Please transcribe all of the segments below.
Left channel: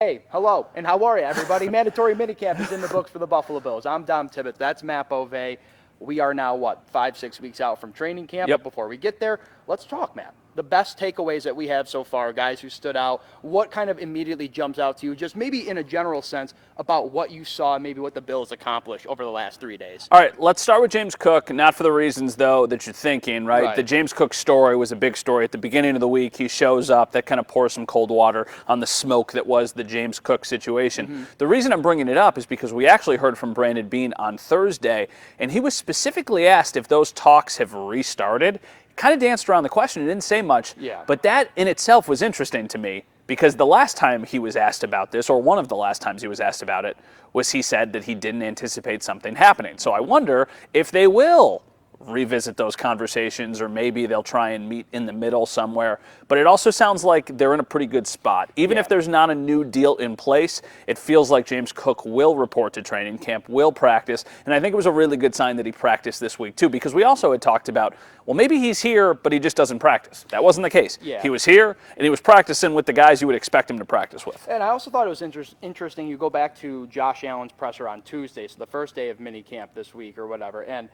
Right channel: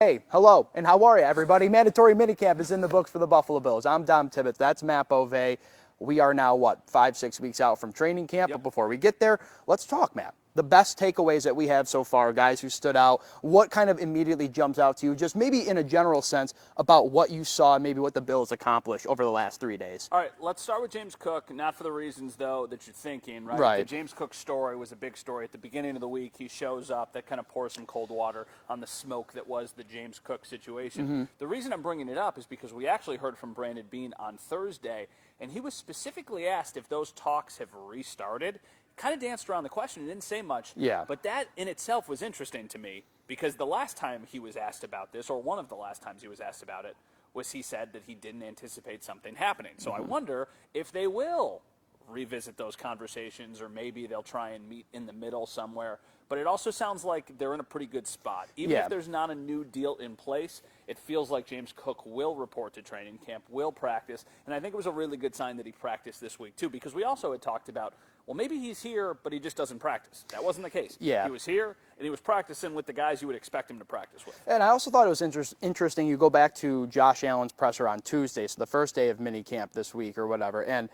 Hey, hello, and how are you, everybody? Mandatory minicamp is in the books for the Buffalo Bills. I'm Dom Tibbetts. That's Matt Bove. We are now, 5-6 weeks out from training camp? Yep. But before we get there, let's talk, Matt. The best takeaways that we have so far, guys who stood out, what kind of immediately jumps out to you, just maybe in a general sense about what you saw and maybe what the Bills accomplished over the last 3 days? All right, let's start with James Cook, not for the reasons, though, that you're thinking, right? Right. The James Cook story was a big story at the beginning of the week. He shows up. That kind of pours some cold water on the smoke that was the James Cook situation. The reason I'm bringing it up is because we actually heard from Brandon Beane on Thursday, and he was specifically asked if those talks have restarted. Kind of danced around the question and didn't say much. Yeah. But that in itself was interesting to me because the last time he was asked about this, or one of the last times he was asked about it, was he said that he didn't anticipate something happening. So I wonder if they will revisit those conversations, or maybe they'll try and meet in the middle somewhere. But it also sounds like they're in a pretty good spot. Even if there's not a new deal in place, it feels like James Cook will report to training camp, will practice. And I think it was a really good sign that he practiced this week, too, because we also had talked about, well, maybe he's here, but he just doesn't practice. That wasn't the case. Yeah. He was here, and he was practicing with the guys you would expect him to practice with. And I also thought it was interesting. You go back to Josh Allen's presser on Tuesday, so the first day of minicamp this week or whatever, and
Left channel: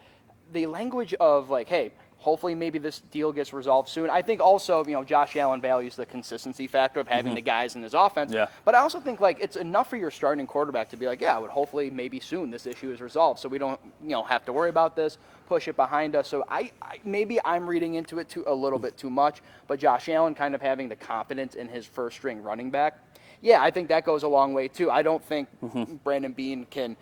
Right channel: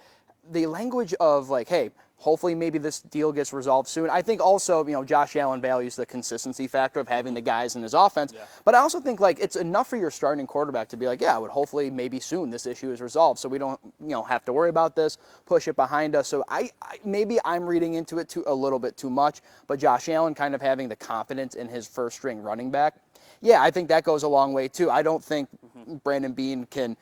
the language of like, hey, hopefully maybe this deal gets resolved soon. I think also, Josh Allen values the consistency factor of having the guys in his offense. Yeah. But I also think like it's enough for your starting quarterback to be like, yeah, but hopefully maybe soon this issue is resolved, so we don't have to worry about this, push it behind us. So I maybe I'm reading into it a little bit too much, but Josh Allen kind of having the confidence in his first string running back, yeah, I think that goes a long way too. I don't think Brandon Beane can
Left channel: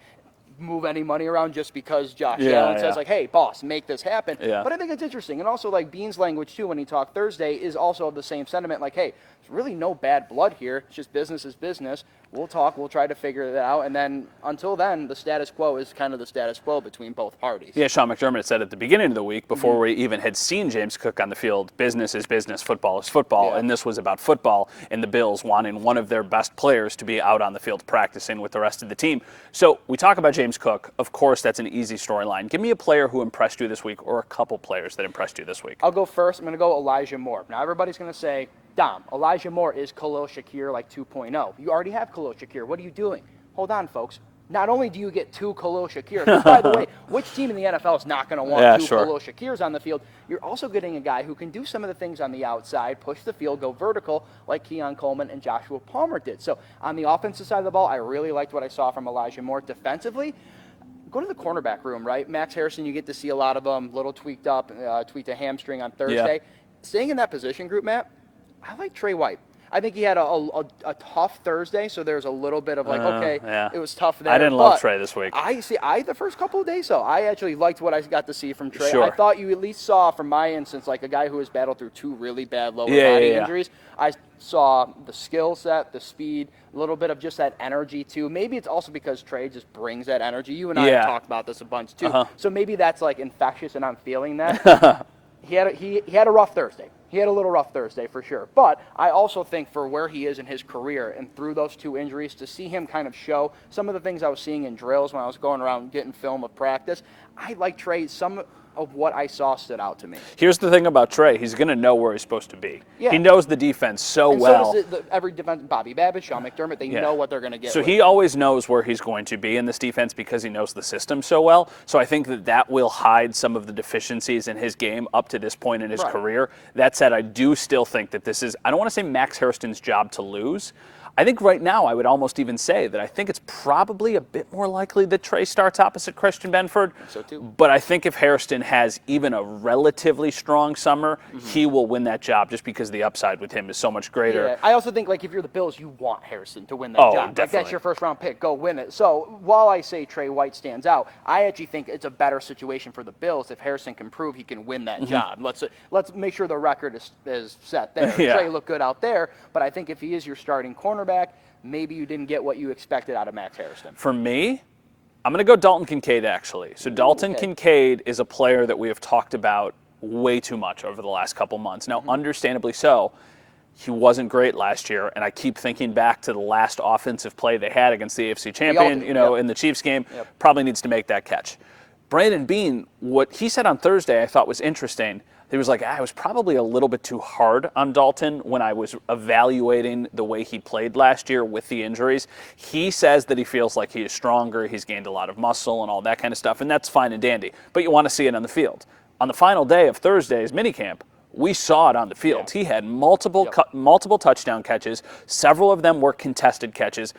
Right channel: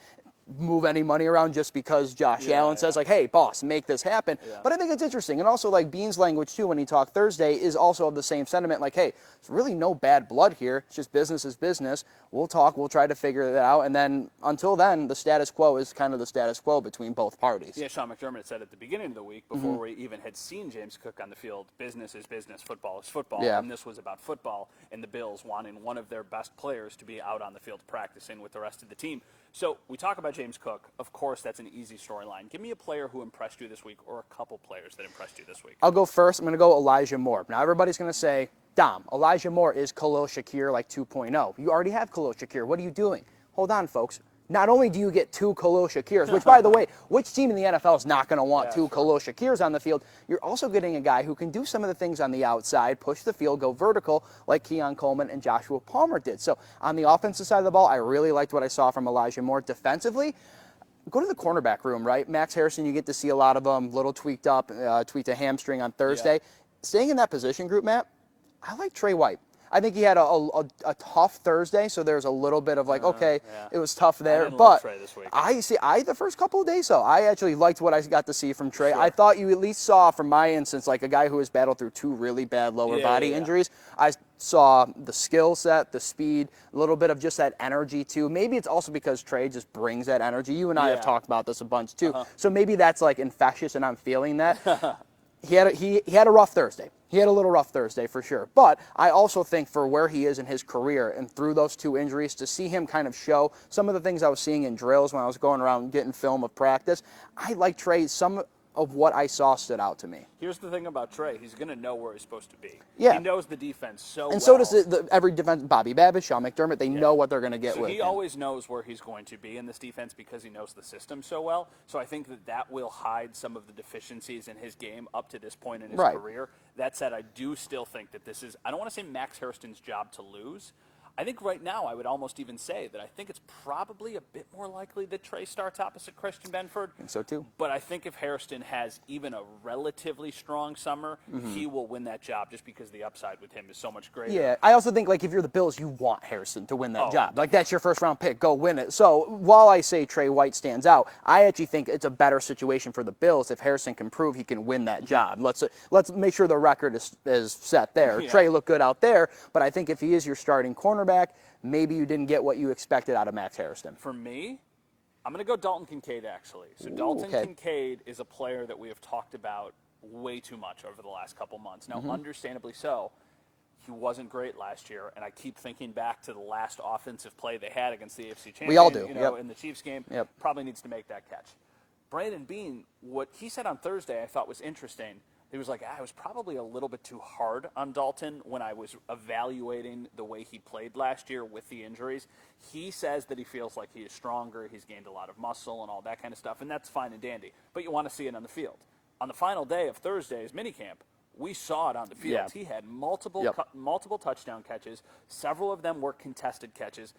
move any money around just because Josh Allen says like, hey, boss, make this happen. Yeah. But I think it's interesting. And also like Beane's language too when he talked Thursday is also of the same sentiment, like, hey, there's really no bad blood here. It's just business is business. We'll talk, we'll try to figure that out. And then until then, the status quo is kind of the status quo between both parties. Yeah, Sean McDermott said at the beginning of the week, before we even had seen James Cook on the field, business is business, football is football, Yeah. and this was about football and the Bills wanting one of their best players to be out on the field practicing with the rest of the team. So we talk about James Cook. Of course, that's an easy storyline. Give me a player who impressed you this week, or a couple players that impressed you this week. I'll go first. I'm going to go Elijah Moore. Now, everybody's going to say, Dom, Elijah Moore is Khalil Shakir like 2.0. You already have Khalil Shakir. What are you doing? Hold on, folks. Not only do you get two Khalil Shakirs, which, by the way, which team in the NFL is not going to want two Khalil Shakirs on the field? You're also getting a guy who can do some of the things on the outside, push the field, go vertical, like Keon Coleman and Joshua Palmer did. So on the offensive side of the ball, I really liked what I saw from Elijah Moore. Defensively, go to the cornerback room, right? Max Harrison, you get to see a lot of them, little tweaked up, tweaked a hamstring on Thursday. Yeah. Staying in that position group, Matt, I like Trey White. I think he had a tough Thursday, so there's a little bit of like, okay, it was tough there. I didn't love Trey this week. The first couple of days, I actually liked what I got to see from Trey. Sure. I thought you at least saw, from my instance, like a guy who has battled through two really bad lower body injuries. I saw the skill set, the speed, a little bit of just that energy too. Maybe it's also because Trey just brings that energy. You and I have talked about this a bunch too. So maybe that's like infectious, and I'm feeling that. He had a rough Thursday. He had a little rough Thursday for sure. But I also think for where he is in his career and through those two injuries, to see him kind of show some of the things I was seeing in drills when I was going around getting film of practice, I like Trey. Some of what I saw stood out to me. Here's the thing about Trey. He's going to know where he's supposed to be. Yeah. He knows the defense so and well. So does every defense, Bobby Babbitt, Sean McDermott, they know what they're going to get. So he always knows where he's going to be in this defense because he knows the system so well. So I think that will hide some of the deficiencies in his game up to this point in his career. That said, I do still think that this is, I don't want to say Max Hairston's job to lose. I think right now I would almost even say that I think it's probably a bit more likely that Trey starts opposite Christian Benford. So too. But I think if Hairston has even a relatively strong summer, he will win that job just because the upside with him is so much greater. Yeah, I also think like if you're the Bills, you want Harrison to win that job. Definitely. Like that's your first round pick. Go win it. So while I say Trey White stands out, I actually think it's a better situation for the Bills if Harrison can prove he can win that job. Let's make sure the record is set there. Trey looked good out there, but I think if he is your starting cornerback, maybe you didn't get what you expected out of Max Hairston. For me, I'm going to go Dalton Kincaid, actually. So Dalton Kincaid is a player that we have talked about way too much over the last couple months. Now, understandably so, he wasn't great last year, and I keep thinking back to the last offensive play they had against the AFC champion, in the Chiefs game. Probably needs to make that catch. Brandon Beane, what he said on Thursday I thought was interesting. he was like, I was probably a little bit too hard on Dalton when I was evaluating the way he played last year with the injuries. He says that he feels like he is stronger, he's gained a lot of muscle and all that kind of stuff, and that's fine and dandy. But you want to see it on the field. On the final day of Thursday's minicamp, we saw it on the field. Yeah. He had multiple touchdown catches. Several of them were contested catches.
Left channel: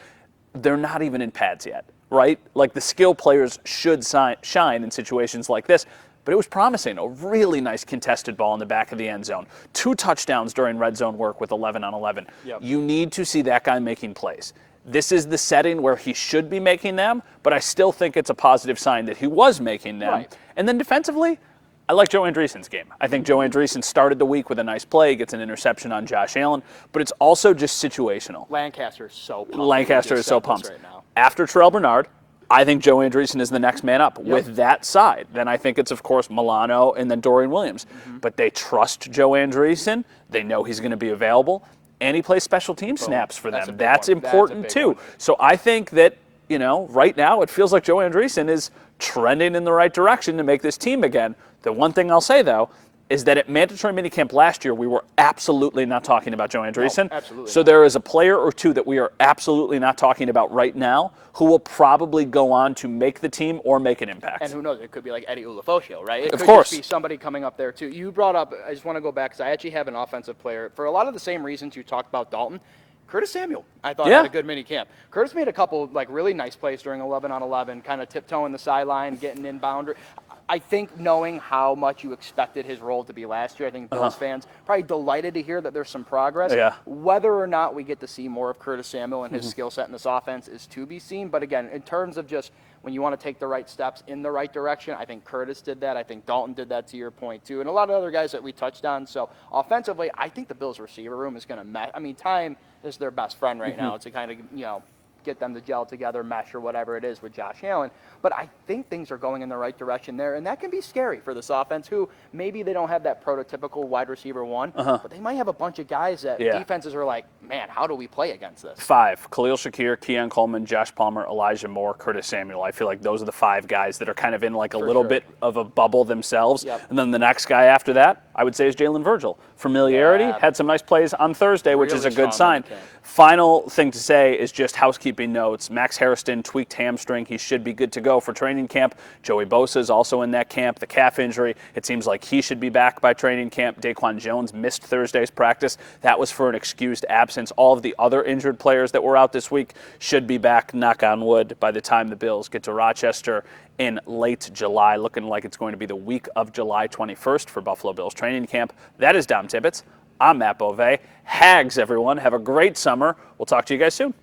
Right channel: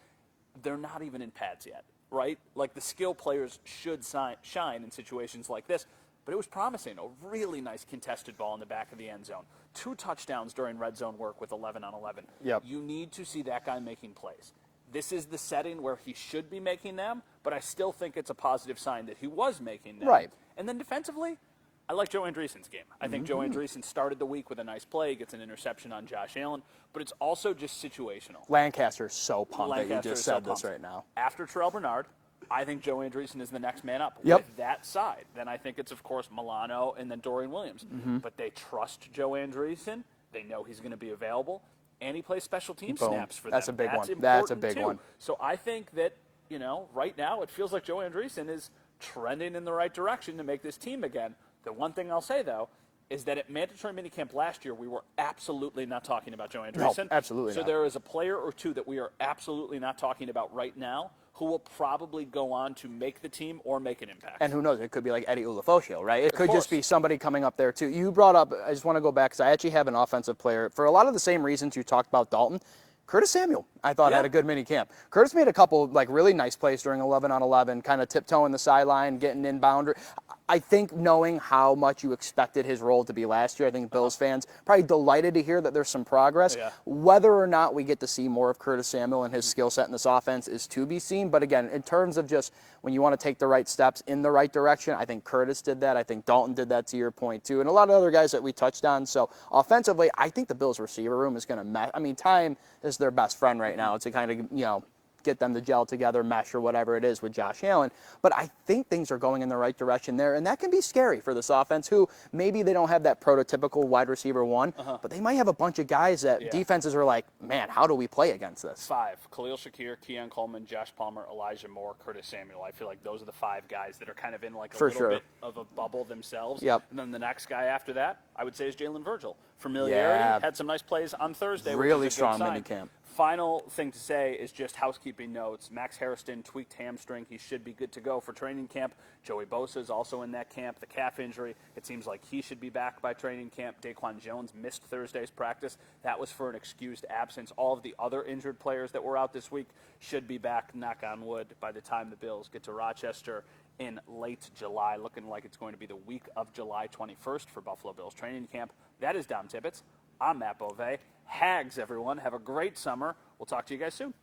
They're not even in pads yet, right? Like the skill players should shine in situations like this. But it was promising. A really nice contested ball in the back of the end zone. 2 touchdowns during red zone work with 11 on 11. Yep. You need to see that guy making plays. This is the setting where he should be making them, but I still think it's a positive sign that he was making them. Right. And then defensively, I like Joe Andreessen's game. I think Joe Andreessen started the week with a nice play, gets an interception on Josh Allen, but it's also just situational. Lancaster is so pumped. Lancaster is so pumped. Right now. After Terrell Bernard, I think Joe Andreessen is the next man up with that side. Then I think it's, of course, Milano and then Dorian Williams. But they trust Joe Andreessen. They know he's going to be available. And he plays special team snaps for them. That's important, too. So I think that, right now it feels like Joe Andreessen is trending in the right direction to make this team again. The one thing I'll say, though, is that at mandatory minicamp last year, we were absolutely not talking about Joe Andreessen. No, absolutely. So there is a player or two that we are absolutely not talking about right now who will probably go on to make the team or make an impact. And who knows, it could be like Eddie Ulofoshio, right? It Of could course. just be somebody coming up there, too. You brought up, I just want to go back, because I actually have an offensive player. For a lot of the same reasons you talked about Dalton, Curtis Samuel, I thought, had a good mini camp. Curtis made a couple really nice plays during 11 on 11, kind of tiptoeing the sideline, getting in boundary. I think knowing how much you expected his role to be last year, I think Bills fans probably delighted to hear that there's some progress. Yeah. Whether or not we get to see more of Curtis Samuel and his skill set in this offense is to be seen. But again, in terms of just when you want to take the right steps in the right direction, I think Curtis did that. I think Dalton did that, to your point, too. And a lot of other guys that we touched on. So offensively, I think the Bills receiver room is going to time is their best friend right now. It's a kind of, get them to gel together, mesh or whatever it is with Josh Allen. But I think things are going in the right direction there, and that can be scary for this offense, who maybe they don't have that prototypical wide receiver one, but they might have a bunch of guys that defenses are like, man, how do we play against this? 5, Khalil Shakir, Keon Coleman, Josh Palmer, Elijah Moore, Curtis Samuel. I feel like those are the 5 guys that are kind of in like a little bit of a bubble themselves. Yep. And then the next guy after that, I would say, is Jalen Virgil. Familiarity, had some nice plays on Thursday, which is a good sign. Final thing to say is just housekeeping notes. Max Harrison tweaked hamstring. He should be good to go for training camp. Joey Bosa is also in that camp. The calf injury, it seems like he should be back by training camp. Daquan Jones missed Thursday's practice. That was for an excused absence. All of the other injured players that were out this week should be back, knock on wood, by the time the Bills get to Rochester in late July. Looking like it's going to be the week of July 21st for Buffalo Bills training camp. That is Dom Tibbetts. I'm Matt Beauvais. Hags, everyone. Have a great summer. We'll talk to you guys soon.